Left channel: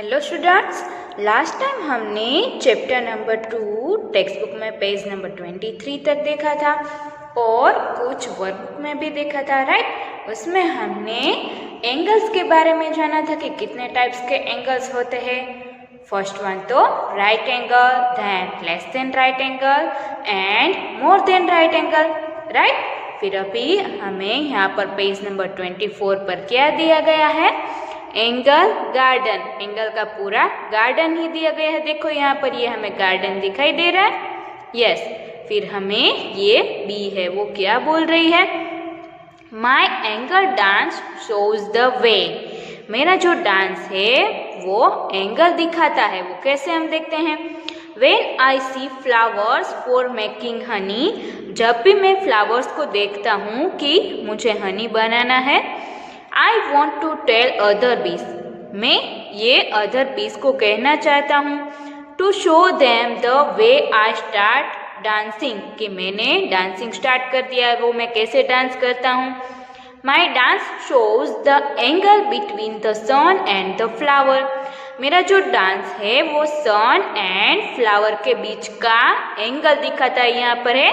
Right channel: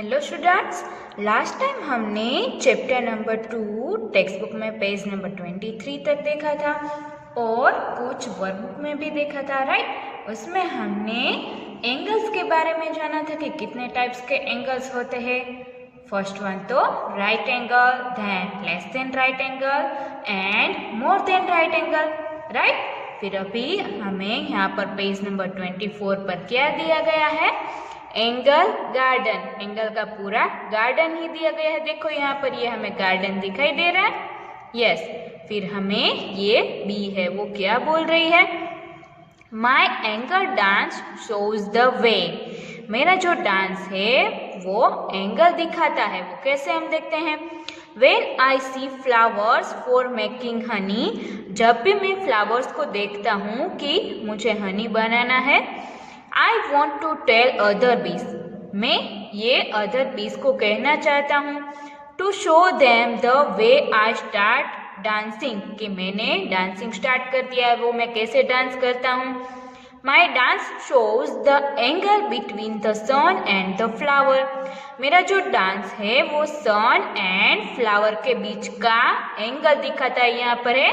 Hello students, last time हमने chapter number 2 text book में page number 23 तक देखा था और कुछ वर्कबुक में भी देखा था, राइट। उसमें हमने एंगल्स के बारे में जाना था कि कितने टाइप्स के एंगल्स होते हैं। फर्स्ट वन तो right angle, then less than right angle and more than right angle, right. फिर अभी हमें यहाँ पर पेज नंबर 24 पर क्या दिया गया है, एंगल गार्डन। एंगल का पूरा गार्डन ही दिया गया है। देखो यहाँ पर ये हमें गार्डन दिखाई दे रहा है, यस। फिर हमें ये बी है, वो क्या बोल रही है, my angle dance shows the way. मेरा जो डांस है वो एंगल दिखाता है। वो कैसे हम देखते हैं, when I see flowers for making honey. जब भी मैं फ्लावर्स को देखता हूँ कि मुझे हनी बनाना है, I want to tell other bees. मैं ये अदर बीज को कहना चाहता हूँ, to show them the way I start dancing, कि मैंने डांसिंग स्टार्ट कर दिया, वो मैं कैसे डांस करता हूँ। My dance shows the angle between the sun and the flower. मेरा जो डांस है वो सन एंड फ्लावर के बीच का एंगल दिखाता है। यहाँ पर है,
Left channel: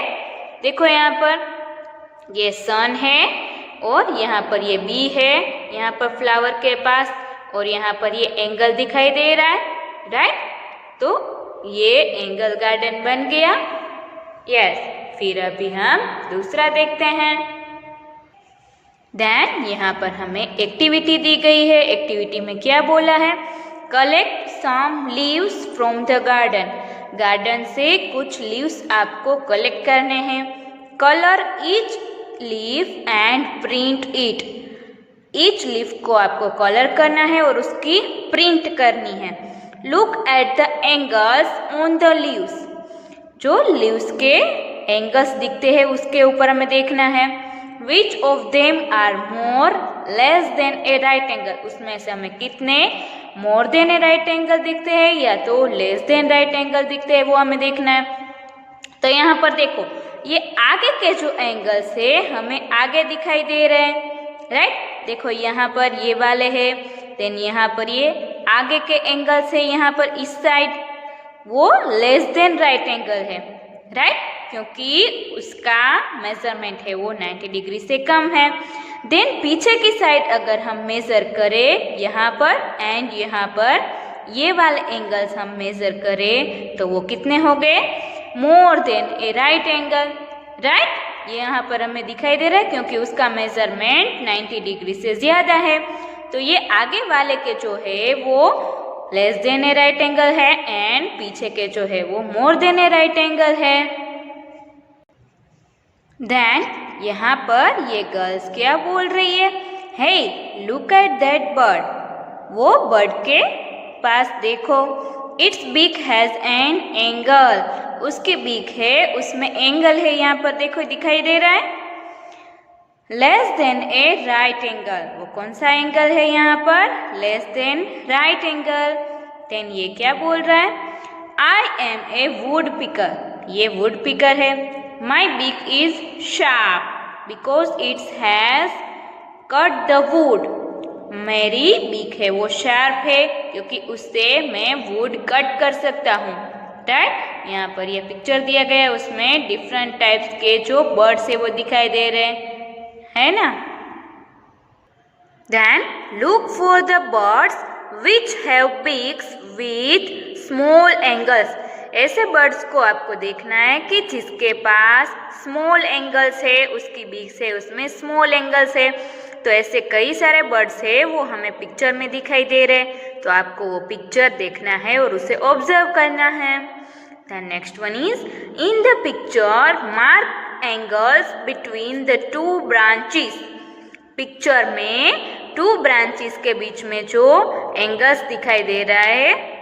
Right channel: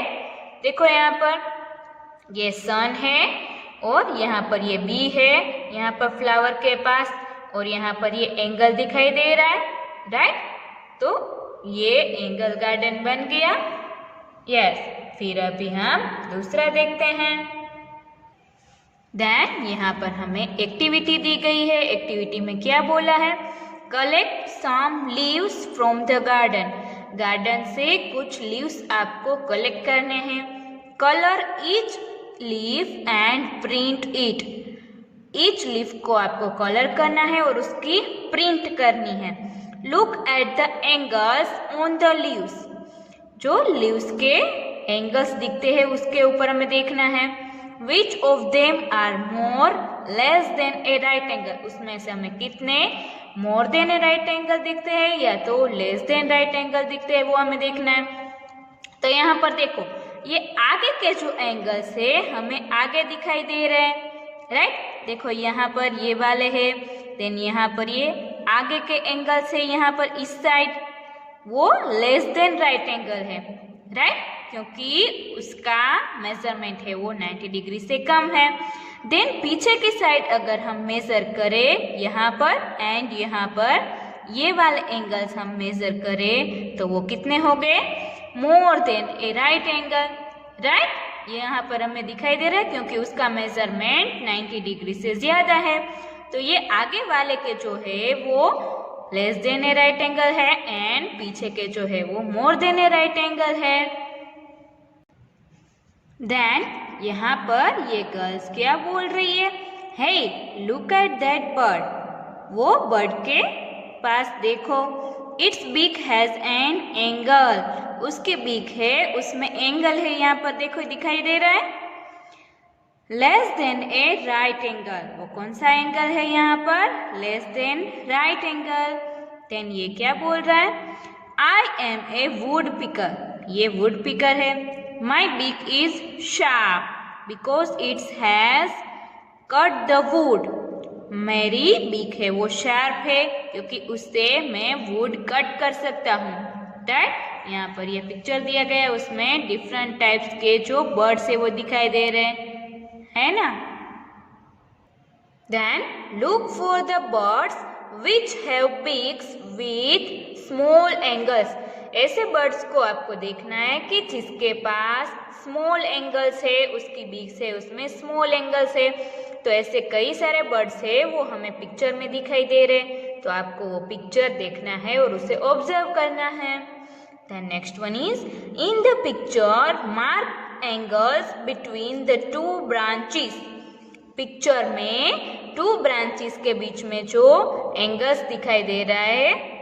देखो यहाँ पर ये सन है और यहाँ पर ये बी है, यहाँ पर फ्लावर के पास, और यहाँ पर ये एंगल दिखाई दे रहा है, राइट। तो ये एंगल गार्डन बन गया, यस। फिर अभी हम दूसरा देखते हैं। देन यहाँ पर हमें एक्टिविटी दी गई है। एक्टिविटी में क्या बोला है, collect some leaves from the garden. Garden से कुछ लीव्स आपको कलेक्ट करने हैं। Colour each leaf and print it. Each leaf को आपको कलर करना है और उसकी प्रिंट करनी है। Look at the angles on the leaves. जो लीव्स के एंगल्स दिखते हैं उसके ऊपर हमें देखना है। Which of them are more less than a right angle. उसमें से हमें कितने more than a right angle दिखते हैं या तो लेस देन राइट एंगल दिखते हैं, वो हमें देखना है। तो यहाँ पर देखो, ये आगे के जो एंगल्स है हमें आगे दिखाई दे रहे हैं, राइट। देखो यहाँ पर ये वाले हैं, देन यहाँ पर ये आगे के एंगल्स है, यहाँ पर इस साइड वो लेस देन राइट एंगल है, राइट, क्योंकि उसका मेजरमेंट है वो 90 डिग्री से कम है। देन पीछे की साइड अगर हम मेजर करें यहाँ पर एंड यहाँ पर ये वाले एंगल्स हम मेजर करें तो वो कितने हो गए, मोर than a right angle, right. ये यहाँ पर हमें दिखाई दे रहा है क्योंकि उसका मेजरमेंट 90 डिग्री से ज्यादा है। तो ये आगे वाले के जो है वो less than a right angle है एंड पीछे के जो है वो more than a right angle है। देन यहाँ पर ये गर्ल्स क्या बोल रही है, hey look at that bird. वो बर्ड के पास देखो, its beak has an angle. उसके बीक है, उसमें एंगल है, यहाँ पर देखो दिखाई दे रहा है, less than a right angle. वो कौन सा एंगल है यहाँ पर, less than right angle. Then ये क्या बोल रहा है, I am a woodpecker. ये वुड पिकर है। My beak is sharp because it's has cut the wood. मेरी बीक है वो शार्प है क्योंकि उससे मैं वुड कट कर सकता हूँ, राइट। यहाँ पर ये पिक्चर दिया गया है, उसमें डिफरेंट टाइप्स के जो बर्ड्स है वो दिखाई दे रहे हैं ना। Then look for the birds which have beaks with small angles. ऐसे बर्ड्स को आपको देखना है कि जिसके पास स्मॉल एंगल्स है, उसकी बीक से उसमें स्मॉल एंगल्स है। तो ऐसे कई सारे बर्ड्स है वो हमें पिक्चर में दिखाई दे रहे हैं, तो आपको वो पिक्चर देखना है और उसे ऑब्जर्व करना है। The next one is, in the picture mark angles between the two branches. Picture में टू ब्रांचेस के बीच में जो एंगल्स दिखाई दे रहा है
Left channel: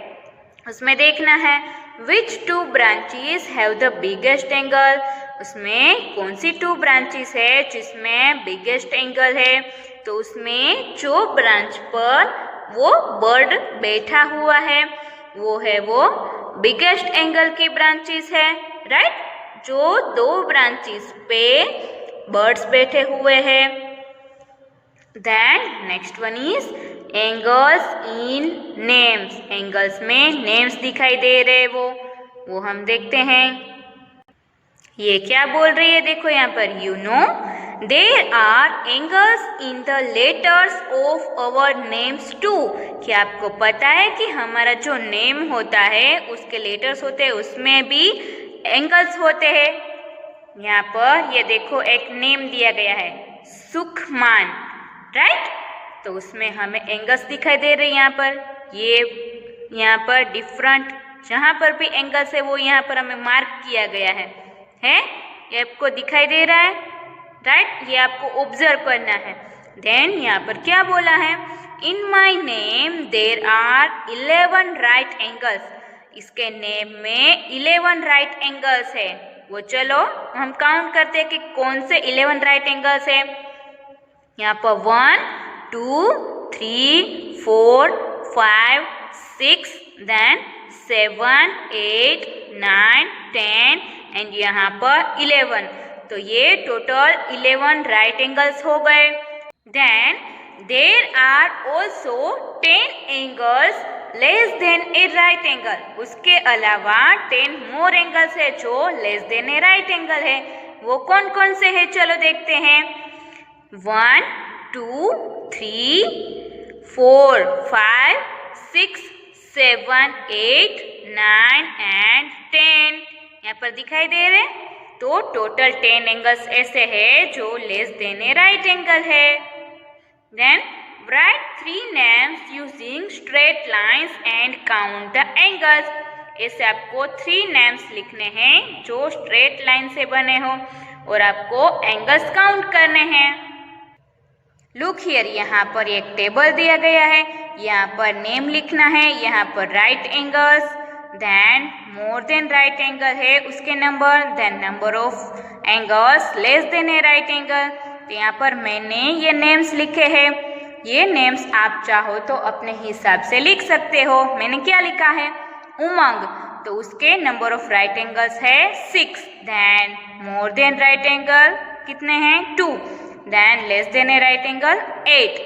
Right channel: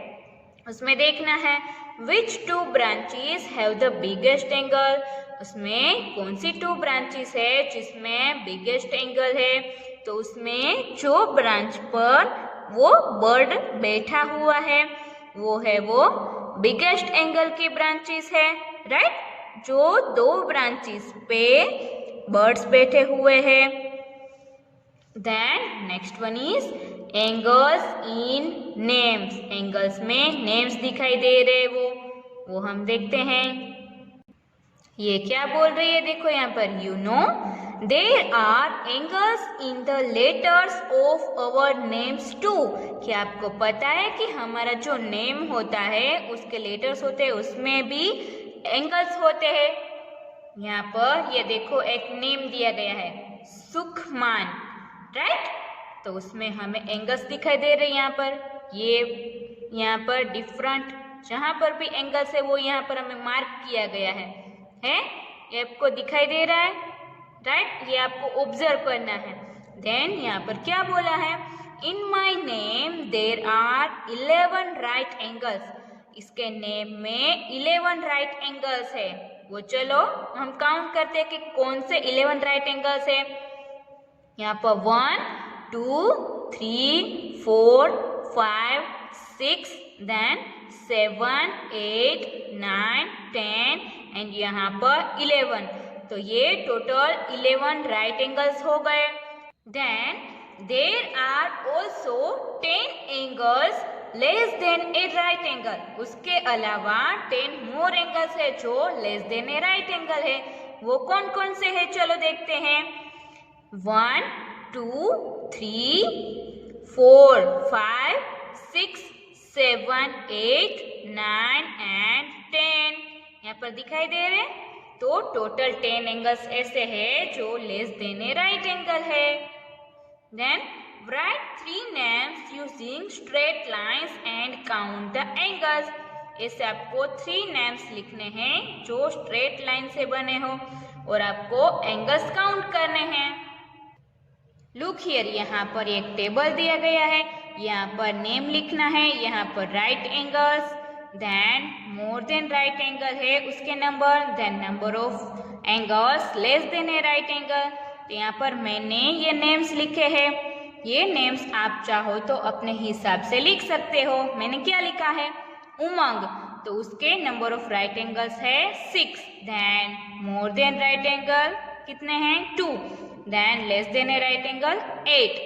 उसमें देखना है, which two branches have the biggest angle. उसमें कौन सी टू ब्रांचेस है जिसमें बिगेस्ट एंगल है। तो उसमें जो ब्रांच पर वो बर्ड बैठा हुआ है वो है वो बिगेस्ट एंगल की ब्रांचेस है, राइट। जो दो ब्रांचेस पे बर्ड्स बैठे हुए हैं। Then next one is, angles in names, angles में नेम्स दिखाई दे रहे वो हम देखते हैं। ये क्या बोल रही है देखो यहाँ पर, you know there are angles in the letters of our names too. क्या आपको पता है कि हमारा जो नेम होता है उसके लेटर्स होते हैं उसमें भी एंगल्स होते हैं। यहाँ पर ये देखो एक नेम दिया गया है सुखमान, राइट, तो उसमें हमें एंगल्स दिखाई दे रहे हैं यहाँ पर। ये यहाँ पर डिफरेंट जहाँ पर भी एंगल्स है वो यहाँ पर हमें मार्क किया गया है ये आपको दिखाई दे रहा है, राइट, ये आपको ऑब्जर्व करना है। देन यहाँ पर क्या बोला है, in my name there are 11 right angles, इसके नेम में 11 राइट एंगल्स है। वो चलो हम काउंट करते हैं कि कौन से 11 राइट एंगल्स है। यहाँ पर 1 2 3 4 5 6 देन 7 8 9 10 एंड यहाँ पर 11, तो ये टोटल 11 राइट एंगल्स हो गए। Then there are also 10 angles less than a right angle, उसके अलावा 10 मोर एंगल्स है जो less than a right angle है। वो कौन कौन से है चलो देखते हैं। 1 2 3 4 5 6 7 8 9 एंड 10 यहाँ पर दिखाई दे रहे, तो टोटल 10 एंगल्स ऐसे है जो less than a right angle है। Then write 3 names using straight lines and count the angles, ऐसे आपको 3 नेम्स लिखने हैं जो स्ट्रेट लाइन से बने हो और आपको एंगल्स काउंट करने हैं। लुक हियर, यहाँ पर एक टेबल दिया गया है, यहाँ पर नेम लिखना है, यहाँ पर right angles, then more than right angle है उसके number, then number of angles less than a right angle. तो यहाँ पर मैंने ये नेम्स लिखे हैं, ये नेम्स आप चाहो तो अपने हिसाब से लिख सकते हो। मैंने क्या लिखा है, उमंग, तो उसके नंबर ऑफ राइट एंगल्स है 6, then more than right angle कितने हैं 2, then less than a right angle 8।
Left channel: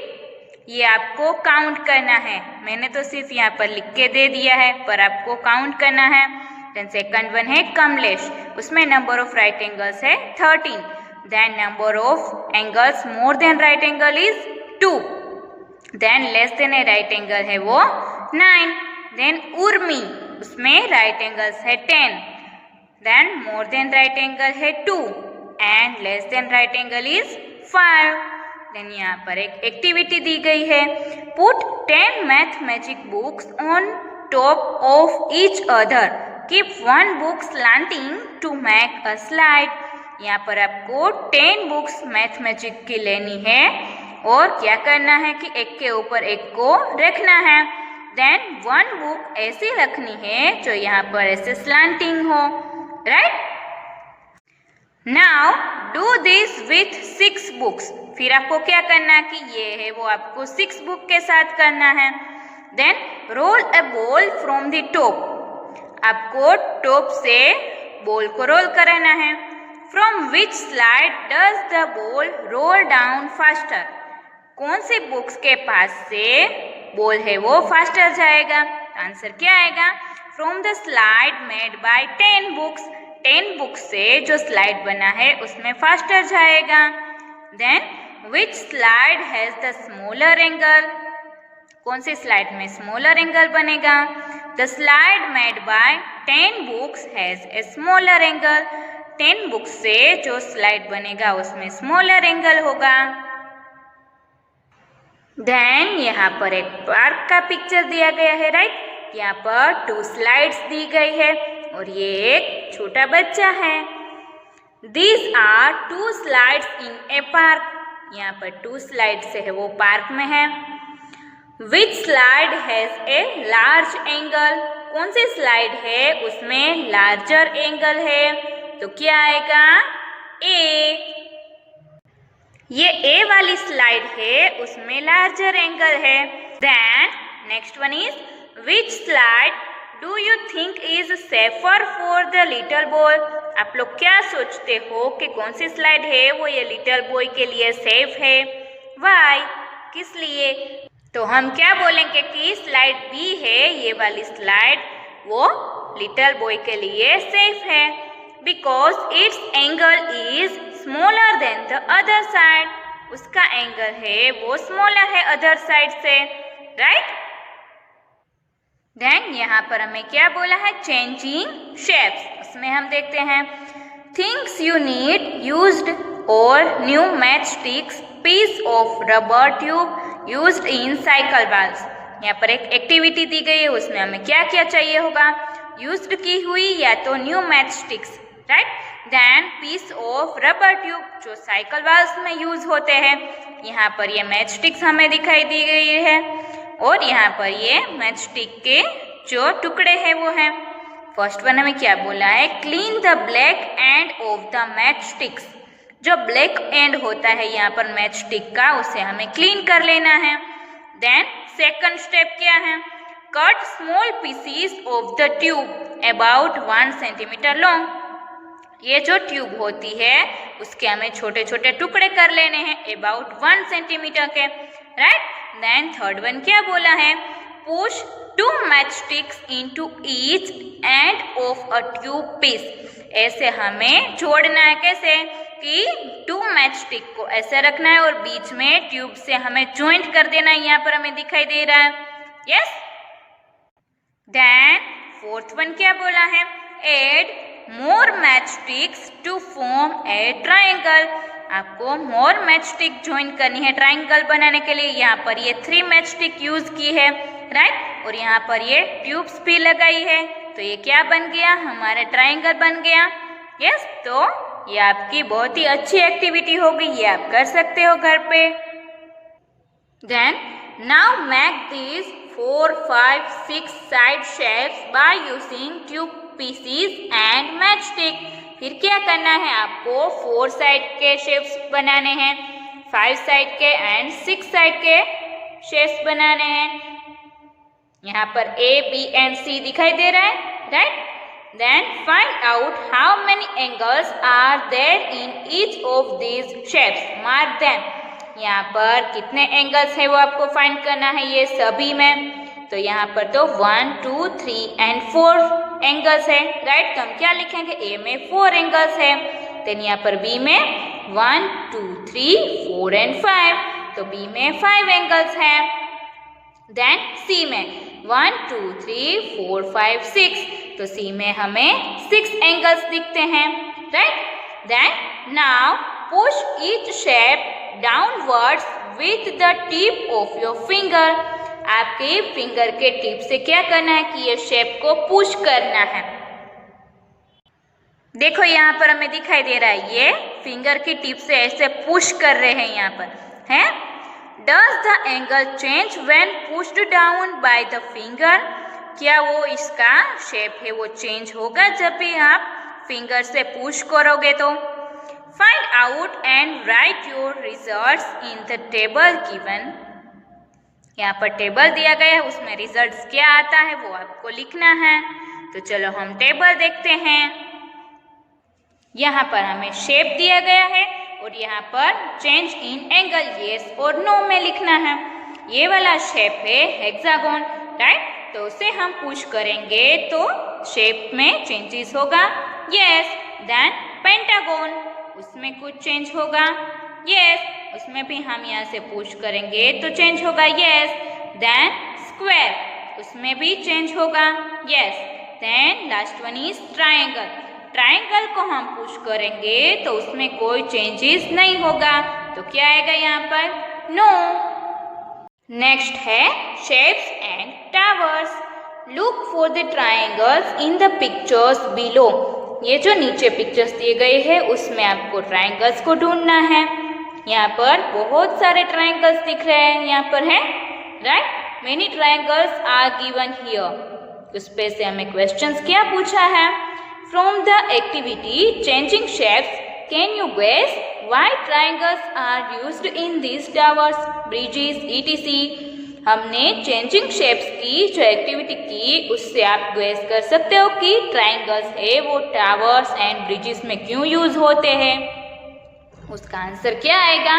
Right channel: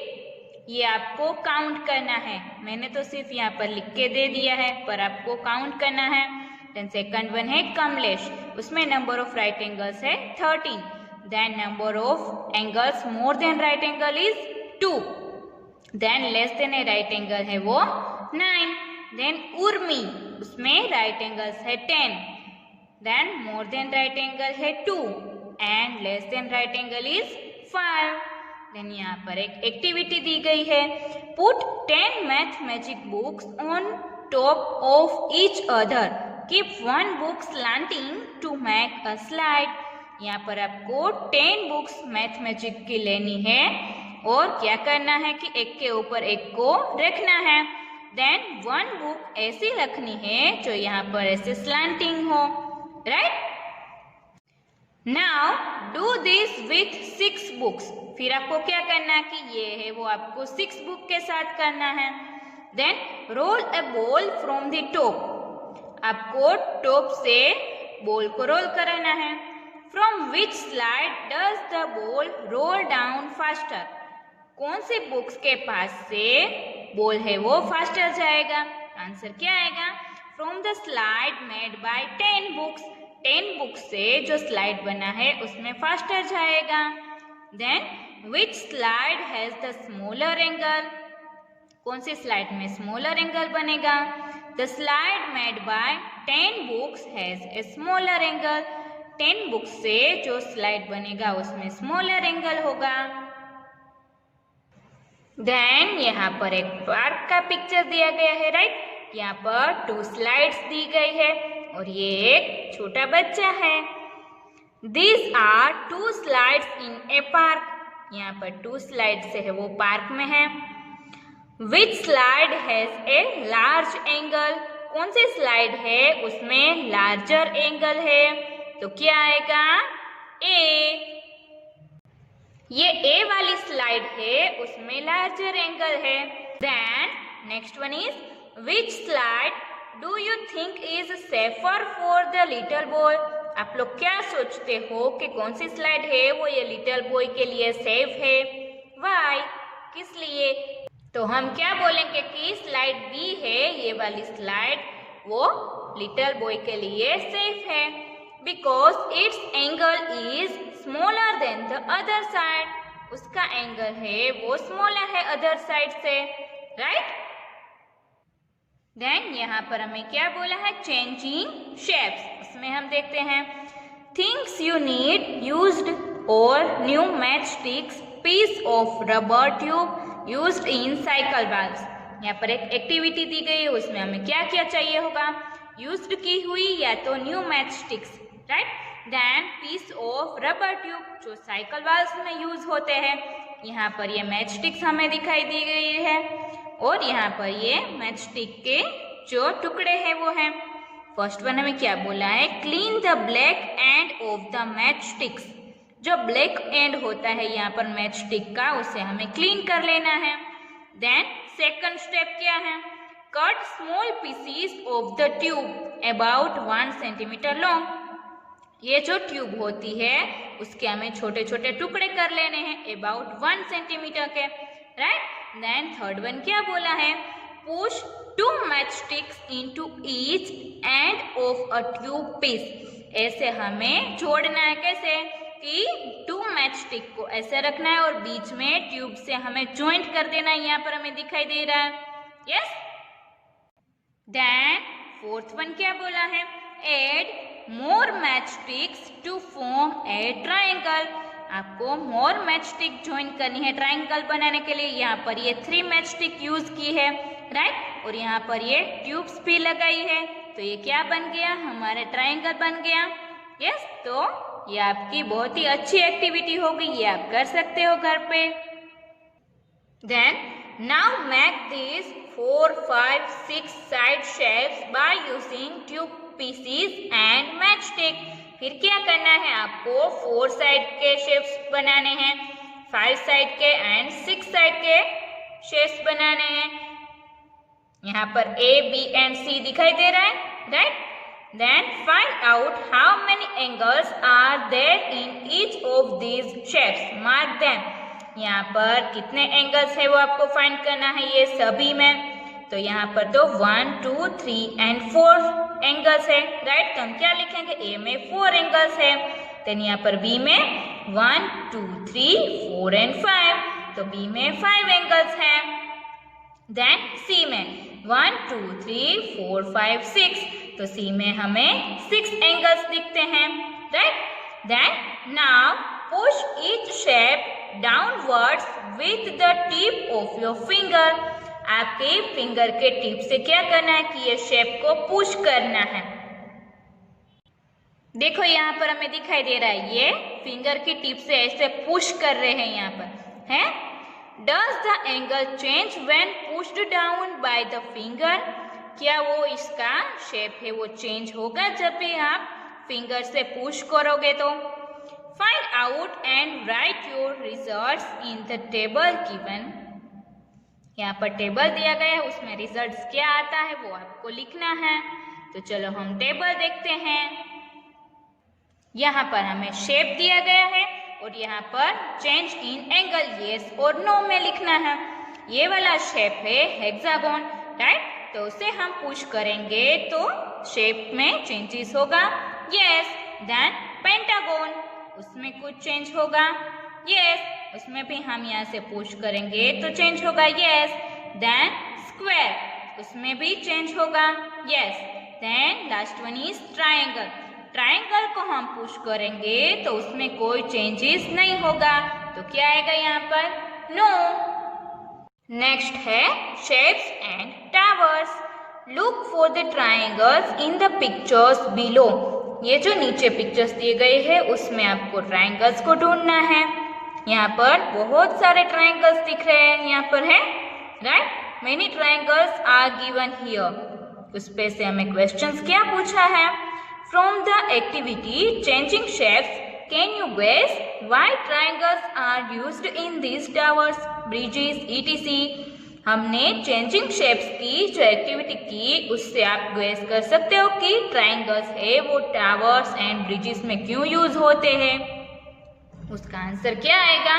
ये आपको काउंट करना है, मैंने तो सिर्फ यहाँ पर लिख के दे दिया है पर आपको काउंट करना है। देन सेकंड वन है कमलेश, उसमें नंबर ऑफ राइट एंगल्स है 13, then number of angles more than right angle is 2, then less than a right angle है वो 9, देन उर्मी, उसमें राइट एंगल्स है 10, then more than right angle है 2 and less than right angle is 5। Then यहाँ पर एक activity दी गई है, put 10 mathematic books on top of each other, keep 1 book slanting to make a slide. यहाँ पर आपको 10 बुक्स मैथमेटिक की लेनी है और क्या करना है कि एक के ऊपर एक को रखना है। देन 1 बुक ऐसी रखनी है जो यहाँ पर ऐसे स्लांटिंग हो, right. Now do this with 6 books, फिर आपको क्या करना है कि ये है वो आपको 6 बुक के साथ करना है। Then roll a ball from the top, आपको टॉप से बॉल को रोल कराना है। From which slide does the ball roll down faster, कौन से बुक्स के पास से बॉल है वो फास्टर जाएगा। आंसर क्या आएगा, from the slide made by 10 books, 10 books से जो स्लाइड बना है उसमें फास्टर जाएगा। Then which slide has the smaller angle, कौन सी स्लाइड में स्मॉलर एंगल बनेगा। The slide made by 10 books has a smaller angle, 10 books से जो स्लाइड बनेगा उसमें स्मॉलर एंगल होगा। देन यहाँ पर एक पार्क का पिक्चर दिया गया है, राइट, यहाँ पर 2 स्लाइड्स दी गई है और ये एक छोटा बच्चा है। These are 2 slides in a park, यहाँ पर 2 स्लाइड्स है वो पार्क में है। Which slide has a large angle, कौन सी स्लाइड है उसमें लार्जर एंगल है, तो क्या आएगा ए। ये ए वाली स्लाइड है उसमें लार्जर एंगल है। Then next one is which slide do you think is safer for the little boy, आप लोग क्या सोचते हो कि कौन सी स्लाइड है वो ये लिटिल बॉय के लिए सेफ है। वाई, किस लिए। तो हम क्या बोलेंगे कि स्लाइड बी है, ये वाली स्लाइड वो लिटिल बॉय के लिए सेफ है because it's angle is smaller than the other side. उसका एंगल है वो स्मॉलर है अदर साइड से, राइट। देन यहाँ पर हमें क्या बोला है, चेंजिंग शेप्स। उसमें हम देखते हैं थिंग्स यू नीड यूज्ड और new match sticks, piece of rubber tube used in cycle valves. यहाँ पर एक एक्टिविटी दी गई है, उसमें हमें क्या क्या चाहिए होगा, यूज्ड की हुई या तो new match sticks, right. Then piece of rubber tube जो साइकिल बाल्स में यूज होते हैं। यहाँ पर ये मैच स्टिक्स हमें दिखाई दी गई है और यहाँ पर ये मैच स्टिक के जो टुकड़े हैं वो हैं। फर्स्ट वन हमें क्या बोला है, clean the black end of the match sticks. जो ब्लैक एंड होता है यहाँ पर मैच स्टिक का, उसे हमें क्लीन कर लेना है। देन सेकंड स्टेप क्या है, cut small pieces of the tube about 1 centimetre long. ये जो ट्यूब होती है उसके हमें छोटे छोटे टुकड़े कर लेने हैं अबाउट 1 सेंटीमीटर के, राइट। देन थर्ड वन क्या बोला है, push 2 match sticks into each end of a tube piece. ऐसे हमें जोड़ना है, कैसे कि 2 मैच स्टिक को ऐसे रखना है और बीच में ट्यूब से हमें ज्वाइंट कर देना है। यहाँ पर हमें दिखाई दे रहा है, यस। देन फोर्थ वन क्या बोला है, add more match sticks to form a triangle. आपको मोर मैच स्टिक ज्वाइन करनी है ट्रायंगल बनाने के लिए। यहाँ पर ये 3 मैच स्टिक यूज की है, राइट। और यहाँ पर ये ट्यूब्स भी लगाई है, तो ये क्या बन गया, हमारा ट्रायंगल बन गया, यस। तो ये आपकी बहुत ही अच्छी एक्टिविटी होगी, ये आप कर सकते हो घर पे। Then now make this 4, 5, 6 side shapes by using tube pieces and match stick. फिर क्या करना है, आपको 4 साइड के शेप्स बनाने हैं, 5 साइड के एंड 6 साइड के शेप्स बनाने हैं। यहाँ पर A, B एंड C दिखाई दे रहा है, right. Then find out how many angles are there in each of these shapes, mark them. यहाँ पर कितने एंगल्स है वो आपको फाइंड करना है ये सभी में। तो यहाँ पर तो 1, 2, 3 एंड 4 एंगल्स है, राइट। तो हम क्या लिखेंगे, A में 4 एंगल्स है। देन यहाँ पर B में 1, 2, 3, 4 एंड 5, तो B में 5 एंगल्स है। देन C में 1, 2, 3, 4, 5, 6, तो C में हमें 6 एंगल्स दिखते हैं, right. Then now push each shape downwards with the tip of your finger. आपके फिंगर के टिप से क्या करना है कि ये शेप को पुश करना है। देखो यहाँ पर हमें दिखाई दे रहा है, ये फिंगर की टिप से ऐसे पुश कर रहे हैं यहाँ पर, है। Does the angle change when pushed down by the finger? क्या वो इसका शेप है वो चेंज होगा जब भी आप फिंगर से पुश करोगे तो। Find out and write your results in the table given. यहाँ पर टेबल दिया गया है, उसमें रिजल्ट्स क्या आता है वो आपको लिखना है। तो चलो हम टेबल देखते हैं। यहाँ पर हमें शेप दिया गया है और यहाँ पर चेंज इन एंगल येस और नो में लिखना है। ये वाला शेप है हेक्सागोन, राइट। तो उसे हम पुश करेंगे तो शेप में चेंजेस होगा, यस। देन पेंटागोन, उसमें कुछ चेंज होगा, यस। उसमें भी हम यहाँ से पुश करेंगे तो चेंज होगा, यस। देन स्क्वायर, उसमें भी चेंज होगा, yes. Then last one is triangle. Triangle को हम पुश करेंगे तो उसमें कोई चेंजेस नहीं होगा, तो क्या आएगा यहाँ पर, नो। नेक्स्ट है shapes and towers. Look for the triangles in the pictures below. ये जो नीचे पिक्चर्स दिए गए हैं उसमें आपको ट्रायंगल्स को ढूंढना है। यहाँ पर बहुत सारे ट्रायंगल्स दिख रहे हैं, यहाँ पर है, right. Many triangles are given here. उस पे से हमें क्वेश्चंस क्या पूछा है, from the activity changing shapes can you guess why triangles are used in this towers, bridges, etc। हमने चेंजिंग शेप्स की जो एक्टिविटी की उससे आप गेस कर सकते हो कि ट्रायंगल्स है वो टावर्स एंड ब्रिजेस में क्यों यूज होते हैं। उसका आंसर क्या आएगा,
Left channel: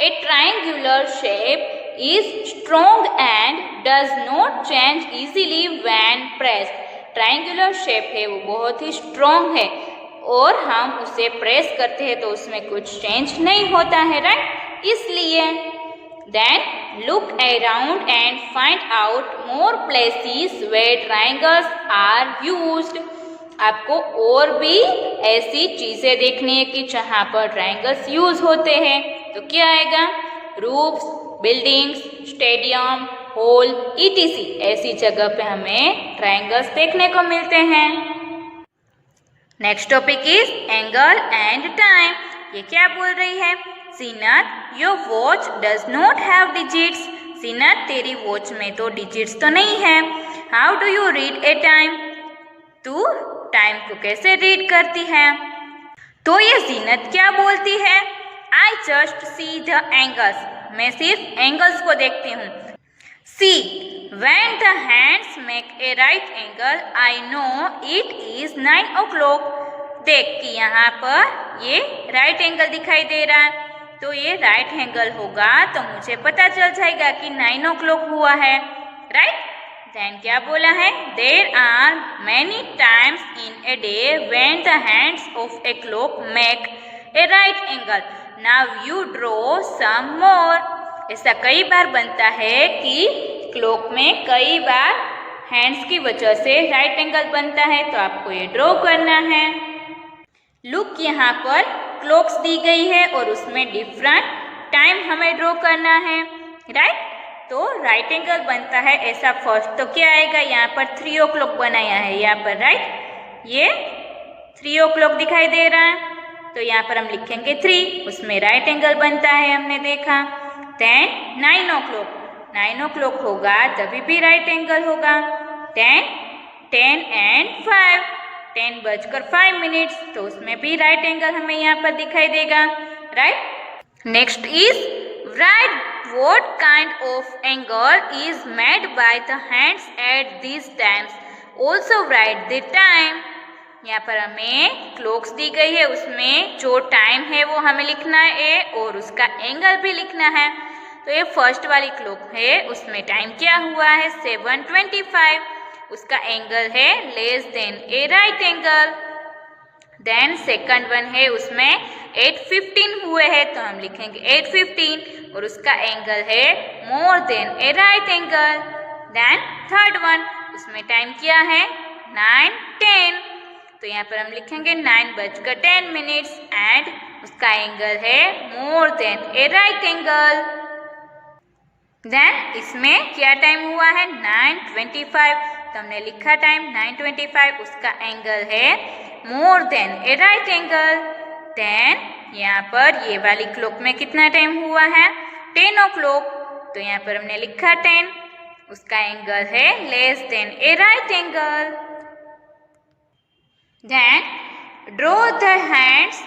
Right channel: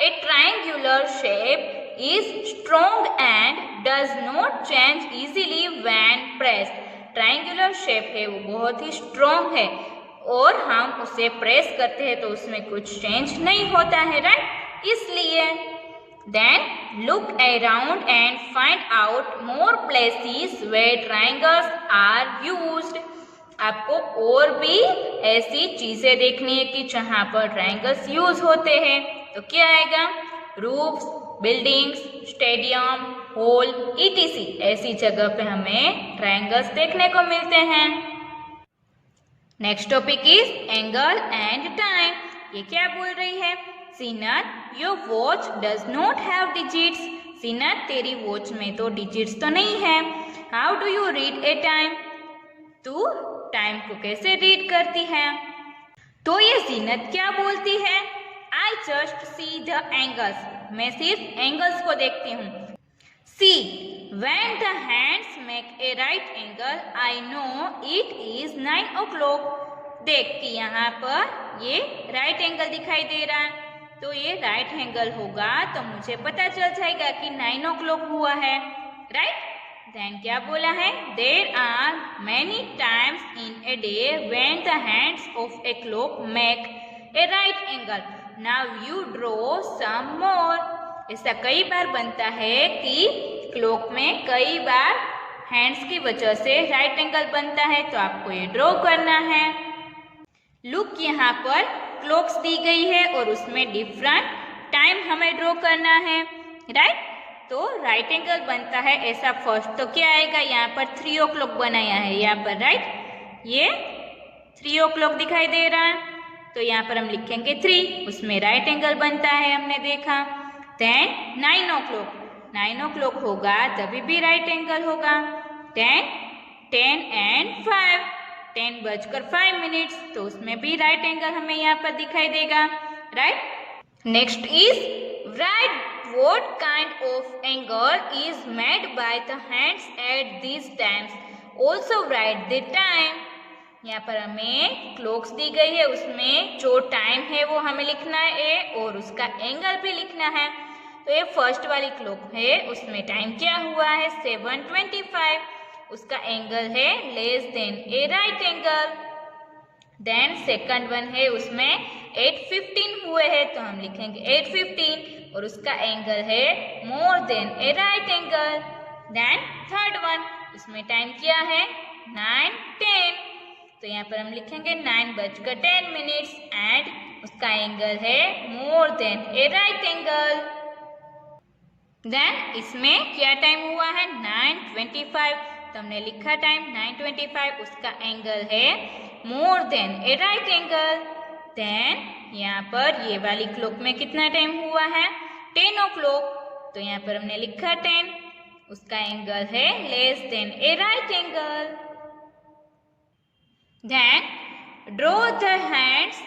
a triangular shape is strong and does not change easily when pressed. Triangular shape है वो बहुत ही स्ट्रॉन्ग है और हम उसे प्रेस करते हैं तो उसमें कुछ चेंज नहीं होता है, राइट? इसलिए then look around and find out more places where triangles are used. आपको और भी ऐसी चीजें देखनी है कि जहाँ पर ट्रायंगल्स यूज होते हैं. तो क्या आएगा? Roofs, buildings, stadium, hall, ETC. ऐसी जगह पे हमें ट्रायंगल्स देखने को मिलते हैं. Next topic is angle and time. ये क्या बोल रही है? Zeenat, your watch does not have digits. Zeenat, तेरी वॉच में तो डिजिट्स तो नहीं है. How do you read a time? तू टाइम को कैसे रीड करती है? तो ये जीनत क्या बोलती है? I just see the angles. मैं सिर्फ एंगल्स को देखती हूँ. See, when the hands make a right angle I know it is 9 o'clock. देख कि यहाँ पर ये राइट एंगल दिखाई दे रहा है, तो ये राइट एंगल होगा तो मुझे पता चल जाएगा कि 9 o'clock हुआ है, राइट? देन क्या बोला है? There are many times in a day when the hands of a clock make a right angle. Now you draw some more. ऐसा कई बार बनता है कि क्लॉक में कई बार हैंड्स की वजह से राइट एंगल बनता है, तो आपको ये ड्रॉ करना है. लुक, यहाँ पर क्लॉक्स दी गई है और उसमें डिफरेंट टाइम हमें ड्रॉ करना है, राइट? तो राइट एंगल बनता है ऐसा फर्स्ट. तो क्या आएगा? यहाँ पर 3 o'clock बनाया है यहाँ पर, राइट? ये 3 o'clock दिखाई दे रहा है, तो यहाँ पर हम लिखेंगे 3. उसमें राइट एंगल बनता है, हमने देखा. Then 9 o'clock. 9 o'clock होगा तभी भी राइट एंगल होगा. Then 10 and 5. 10 बजकर 5 मिनट्स, तो उसमें भी राइट एंगल हमें यहाँ पर दिखाई देगा, right? Next is right what kind of angle is made by the hands at these times. Also write the time. यहाँ पर हमें क्लॉक्स दी गई है, उसमें जो टाइम है वो हमें लिखना है और उसका एंगल भी लिखना है. तो ये फर्स्ट वाली क्लॉक है, उसमें टाइम क्या हुआ है? 7:25. उसका एंगल है less than a right angle. Then second one है, उसमें 8:15 हुए हैं, तो हम लिखेंगे 8:15 और उसका एंगल है more than a right angle. Then third one, उसमें टाइम क्या है? 9:10, तो यहाँ पर हम लिखेंगे 9 बजकर 10 मिनट्स एंड उसका एंगल है more than a right angle. Then इसमें क्या टाइम हुआ है? 9:25, तो हमने लिखा टाइम 9:25, उसका एंगल है more than a right angle. Then यहाँ पर ये वाली क्लॉक में कितना टाइम हुआ है? 10 o'clock, तो यहाँ पर हमने लिखा 10, उसका एंगल है less than a right angle. Then draw the hands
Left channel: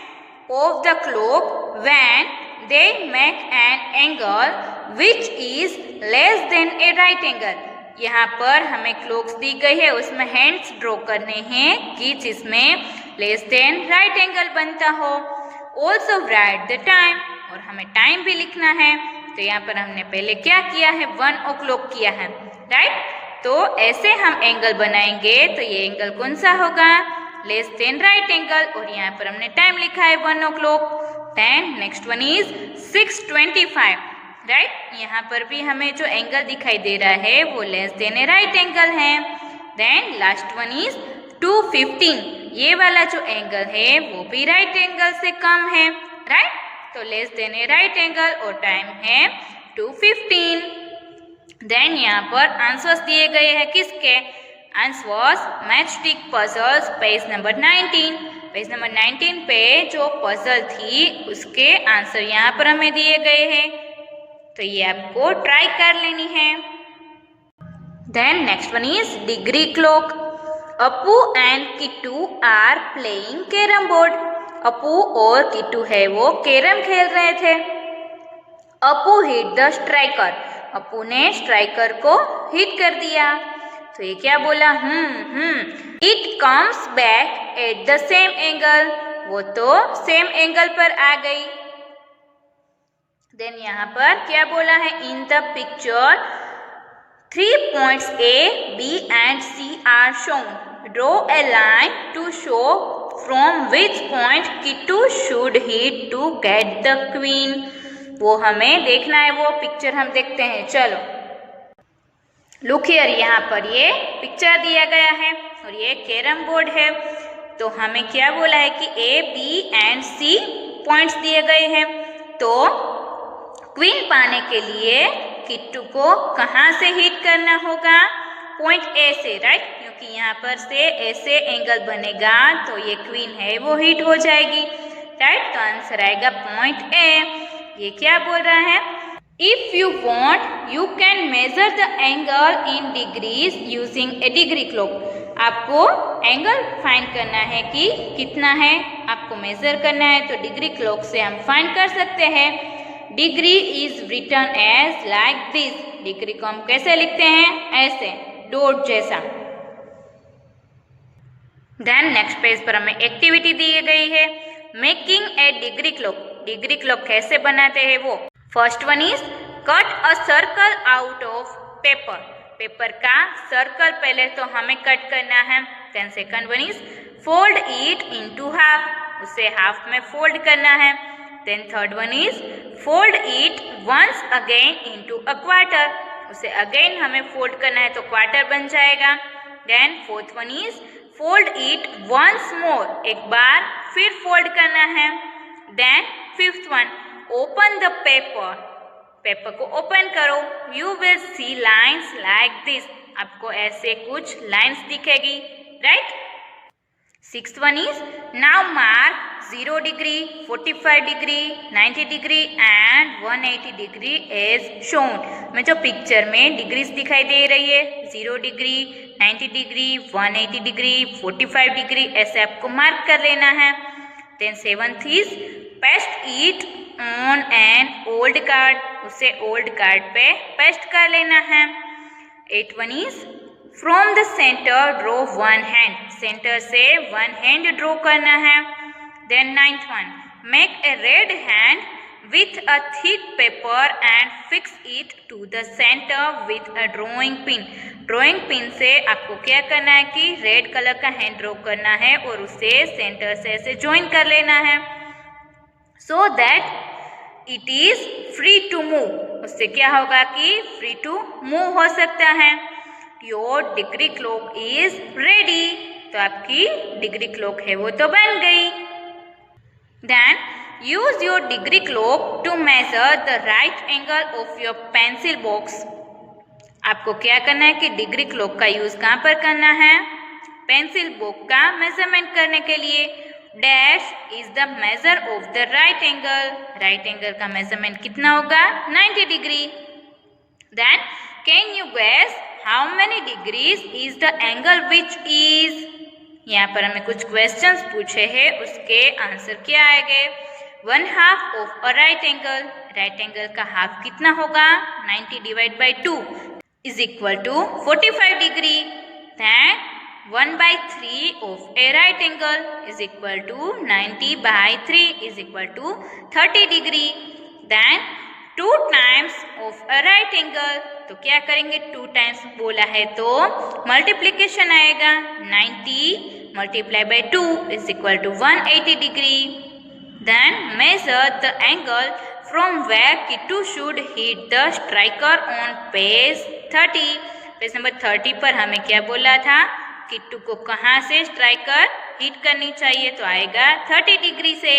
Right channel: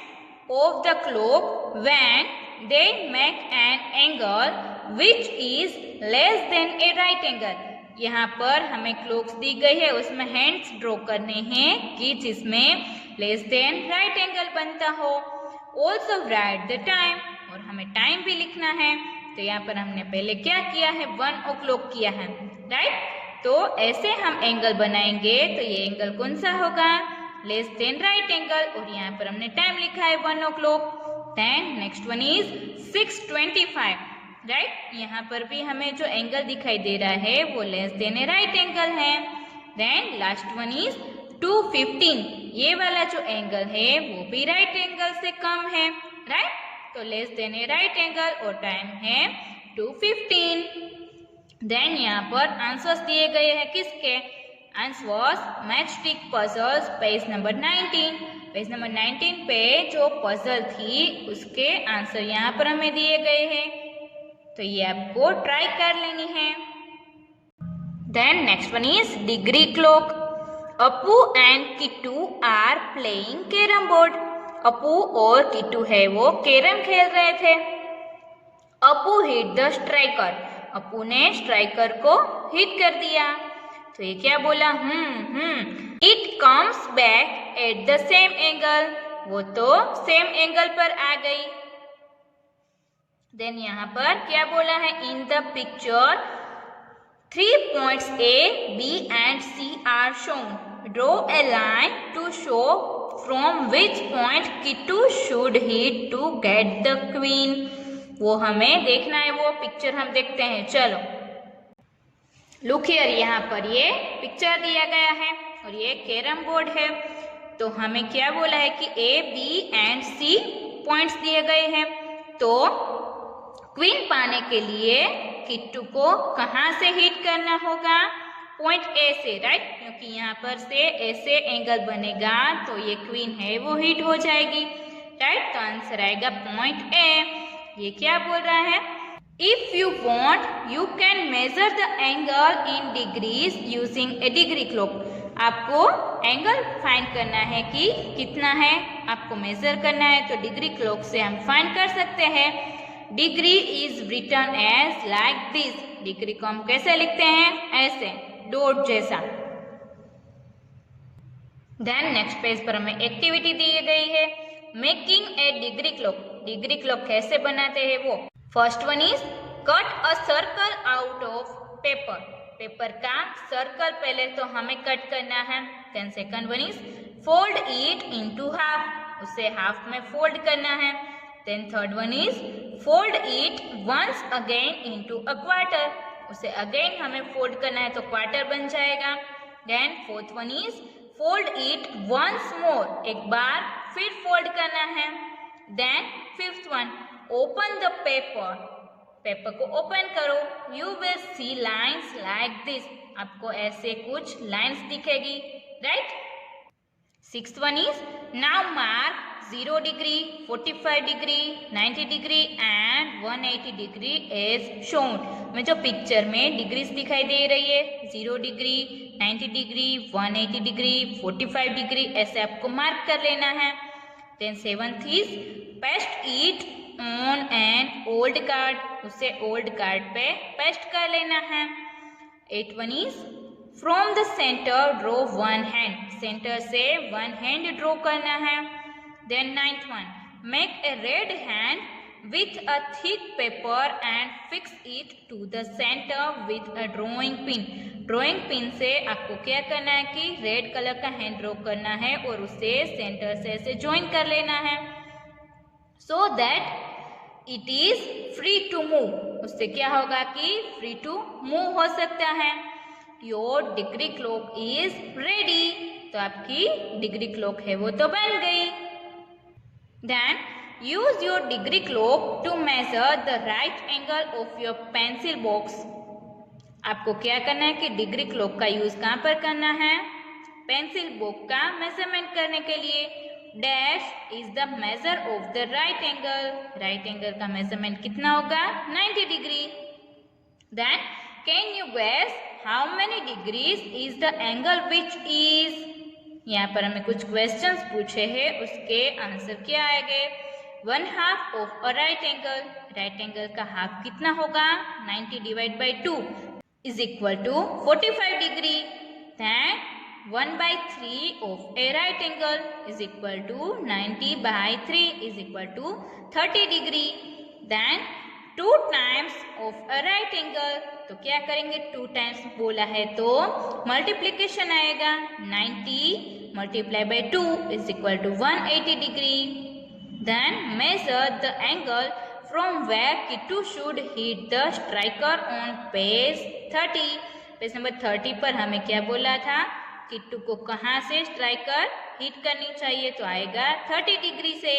of the clock when they make an angle which is less than a right angle. यहाँ पर हमें क्लॉक्स दी गई है, उसमें हैंड्स ड्रॉ करने हैं कि जिसमें लेस देन राइट एंगल बनता हो. ऑल्सो राइट द टाइम, और हमें टाइम भी लिखना है. तो यहाँ पर हमने पहले क्या किया है? 1 o'clock किया है, राइट? तो ऐसे हम एंगल बनाएंगे, तो ये एंगल कौन सा होगा? लेस देन राइट एंगल, और यहाँ पर हमने टाइम लिखा है 1 o'clock. Then next one is 6:25, right? यहाँ पर भी हमें जो एंगल दिखाई दे रहा है वो less than a right angle है. देन लास्ट वन इज 2:15, ये वाला जो एंगल है वो भी राइट एंगल से कम है, राइट? तो less than a right angle और टाइम है 2:15. देन यहाँ पर आंसर्स दिए गए हैं किसके? Answers matchstick puzzles, page number 19. Page number 19 पे जो पजल थी उसके आंसर यहाँ पर हमें दिए गए हैं, तो ये आपको ट्राई कर लेनी है. Then next one is degree clock. Appu and Kittu are playing carrom board. Appu और किट्टू है वो कैरम खेल रहे थे. Appu hit the striker. Appu ने स्ट्राइकर को हिट कर दिया. तो ये क्या बोला? It comes back at the same angle. वो तो सेम एंगल पर आ गई. देन यहाँ पर क्या बोला है, in the picture 3 points A, B and C are shown. Draw a line to show from which point Kittu should hit to get the queen. वो हमें देखना है, वो पिक्चर हम देखते हैं। चलो लुक हियर, यहाँ पर ये पिक्चर दिया गया है और ये कैरम बोर्ड है। तो हमें क्या बोला है कि A, B and C points दिए गए हैं। तो क्वीन पाने के लिए किट्टू को कहाँ से हिट करना होगा, पॉइंट ए से, राइट, क्योंकि यहाँ पर से ऐसे एंगल बनेगा तो ये क्वीन है वो हिट हो जाएगी, राइट। तो आंसर आएगा पॉइंट ए। ये क्या बोल रहा है, if you want you can measure the angle in degrees using A degree clock. आपको एंगल फाइंड करना है कि कितना है, आपको मेजर करना है, तो डिग्री क्लॉक से हम फाइंड कर सकते हैं। Degree is written as like this. Degree को हम कैसे लिखते हैं, ऐसे डॉट जैसा। देन नेक्स्ट पेज पर हमें एक्टिविटी दी गई है, making a degree clock. Degree clock कैसे बनाते हैं वो। First one is cut a circle out of paper. Paper का सर्कल पहले तो हमें कट करना है। Then second one is fold it into half. उसे हाफ में फोल्ड करना है। Then third one is fold it once again into a quarter. उसे अगेन हमें फोल्ड करना है तो क्वार्टर बन जाएगा। Then fourth one is fold it once more. एक बार फिर फोल्ड करना है। Then fifth one open the paper. Paper को ओपन करो। You will see lines like this. आपको ऐसे कुछ लाइन्स दिखेगी, right. Sixth one is now mark 0 degree, 45 degree, 90 degree and 180 degree as shown. में जो पिक्चर में डिग्रीज दिखाई दे रही है, 0 डिग्री, 90 डिग्री, 180 डिग्री, 45 डिग्री, ऐसे आपको मार्क कर लेना है। Then seventh is paste it on an old card. उसे ओल्ड कार्ड पे पेस्ट कर लेना है। Eight one is from the centre draw one hand. Centre से वन हैंड ड्रॉ करना है। Then ninth one, make a red hand with a thick paper and fix it to the center with a drawing pin. Drawing pin से आपको क्या करना है कि red colour का हैंड ड्रॉ करना है और उसे सेंटर से ऐसे ज्वाइन कर लेना है, so that it is free to move. उससे क्या होगा कि free to move हो सकता है। Your degree clock is ready. तो आपकी डिग्री क्लॉक है वो तो बन गई। Then use your degree clock to measure the right angle of your pencil box. आपको क्या करना है कि डिग्री क्लॉक का यूज कहाँ पर करना है, पेंसिल बॉक्स का मेजरमेंट करने के लिए। Dash is the measure of the right angle. Right angle का मेजरमेंट कितना होगा, 90 degree. Then can you guess how many degrees is the angle which is. यहाँ पर हमें कुछ क्वेश्चंस पूछे हैं, उसके आंसर क्या आएंगे। 1/2 of a right angle. Right angle का हाफ कितना होगा, 90 divide by 2 is equal to 45 degree. Then 1/3 of a right angle is equal to 90/3 is equal to 30 degree. Then 2 times of a right angle. तो क्या करेंगे, 2 times बोला है तो multiplication आएगा। 90 multiplied by 2 is equal to 180 degree. Then measure the angle from where Kittu should hit the striker on page 30. Page number 30 पर हमें क्या बोला था, किट्टू को कहाँ से स्ट्राइकर हिट करनी चाहिए, तो आएगा 30 डिग्री से।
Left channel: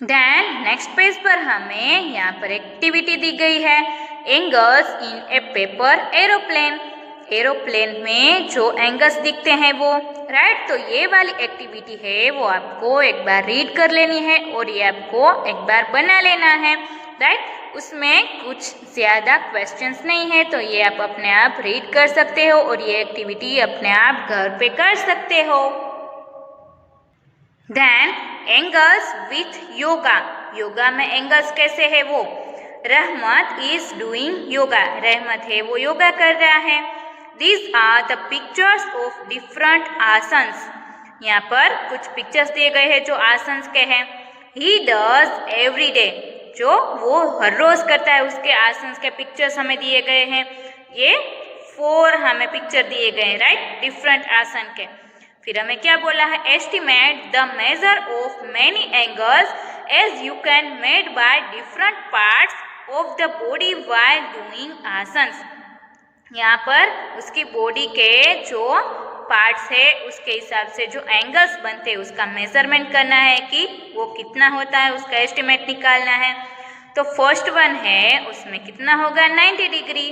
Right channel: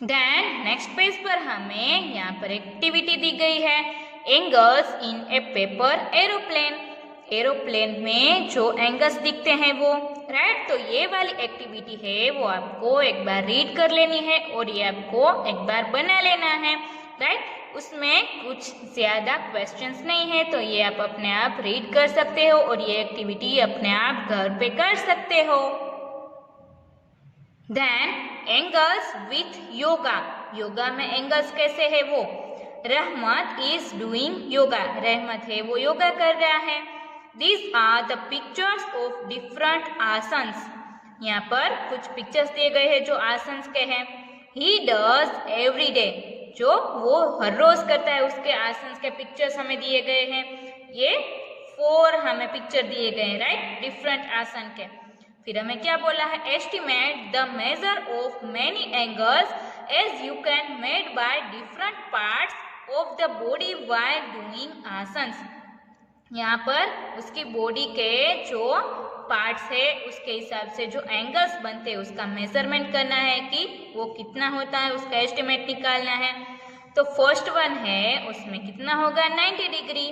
देन नेक्स्ट पेज पर हमें यहाँ पर एक्टिविटी दी गई है, angles in A paper aeroplane. Aeroplane में जो एंगल्स दिखते हैं वो, राइट। तो ये वाली एक्टिविटी है वो आपको एक बार रीड कर लेनी है और ये आपको एक बार बना लेना है, राइट। उसमें कुछ ज़्यादा क्वेश्चंस नहीं है, तो ये आप अपने आप रीड कर सकते हो और ये एक्टिविटी अपने आप घर पे कर सकते हो। Then angles with yoga. Yoga में एंगल्स कैसे है वो, रहमत इज डूइंग योगा। रहमत है वो योगा कर रहा है। These are the pictures of different asanas. यहाँ पर कुछ पिक्चर्स दिए गए हैं जो आसन्स के हैं। He does every day। जो वो हर रोज करता है उसके आसन के पिक्चर्स हमें दिए गए हैं। ये 4 हमें पिक्चर दिए गए हैं, राइट, डिफरेंट आसन के। फिर हमें क्या बोला है, estimate the measure of many angles as you can made by different parts of the body while doing asanas. यहाँ पर उसकी बॉडी के जो पार्ट्स है उसके हिसाब से जो एंगल्स बनते हैं उसका मेजरमेंट करना है कि वो कितना होता है, उसका एस्टिमेट निकालना है। तो फर्स्ट वन है उसमें कितना होगा 90 डिग्री।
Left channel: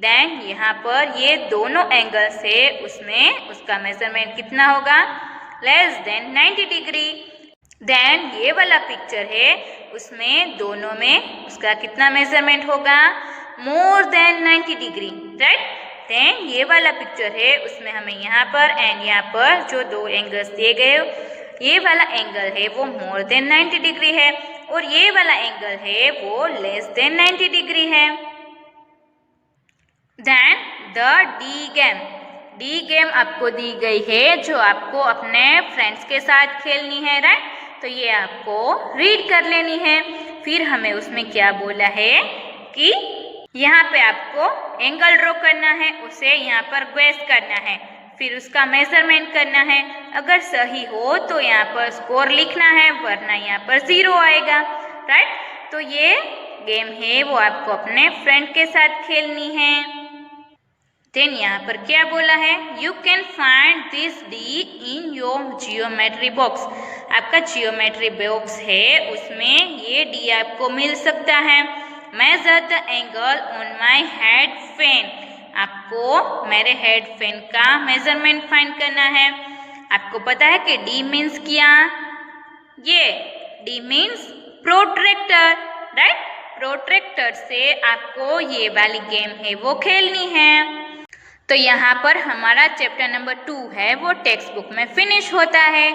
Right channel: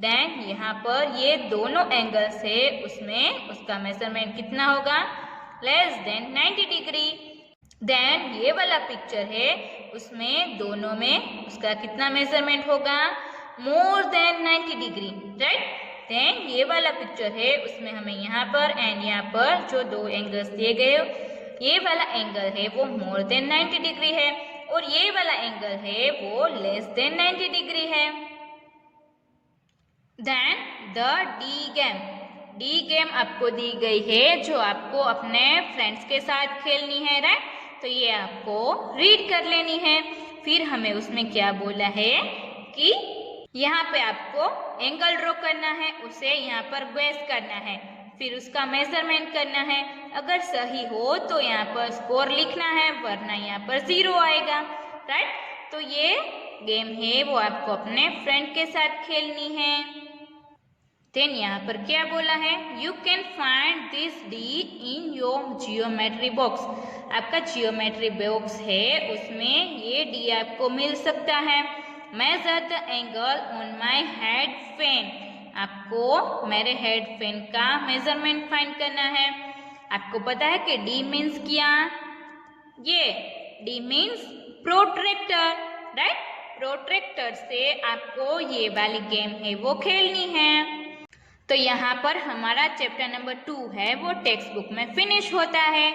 देन यहाँ पर ये दोनों एंगल्स है उसमें उसका मेजरमेंट कितना होगा लेस देन 90 डिग्री। देन ये वाला पिक्चर है उसमें दोनों में उसका कितना मेजरमेंट होगा मोर देन 90 डिग्री, राइट। देन ये वाला पिक्चर है उसमें हमें यहाँ पर एंड यहाँ पर जो 2 एंगल्स दिए गए, ये वाला एंगल है वो मोर देन 90 डिग्री है और ये वाला एंगल है वो लेस देन 90 डिग्री है। देन द डी गेम आपको दी गई है जो आपको अपने फ्रेंड्स के साथ खेलनी है, राइट। तो ये आपको रीड कर लेनी है। फिर हमें उसमें क्या बोला है कि यहाँ पे आपको एंगल ड्रॉ करना है, उसे यहाँ पर गेस करना है, फिर उसका मेजरमेंट करना है। अगर सही हो तो यहाँ पर स्कोर लिखना है, वरना यहाँ पर 0 आएगा, राइट। तो ये गेम है वो आपको अपने फ्रेंड के साथ खेलनी है। देन यहाँ पर क्या बोला है, you can find this D in your geometry box. आपका जियोमेट्री बॉक्स है उसमें ये डी आपको मिल सकता है। Measure the angle on my head fan. आपको मेरे हेड फैन का मेजरमेंट फाइंड करना है। आपको पता है कि डी मीन्स क्या, ये D means protractor, right. Protractor से आपको ये वाली गेम है वो खेलनी है। तो यहाँ पर हमारा चैप्टर नंबर 2 है वो टेक्स्ट बुक में फिनिश होता है।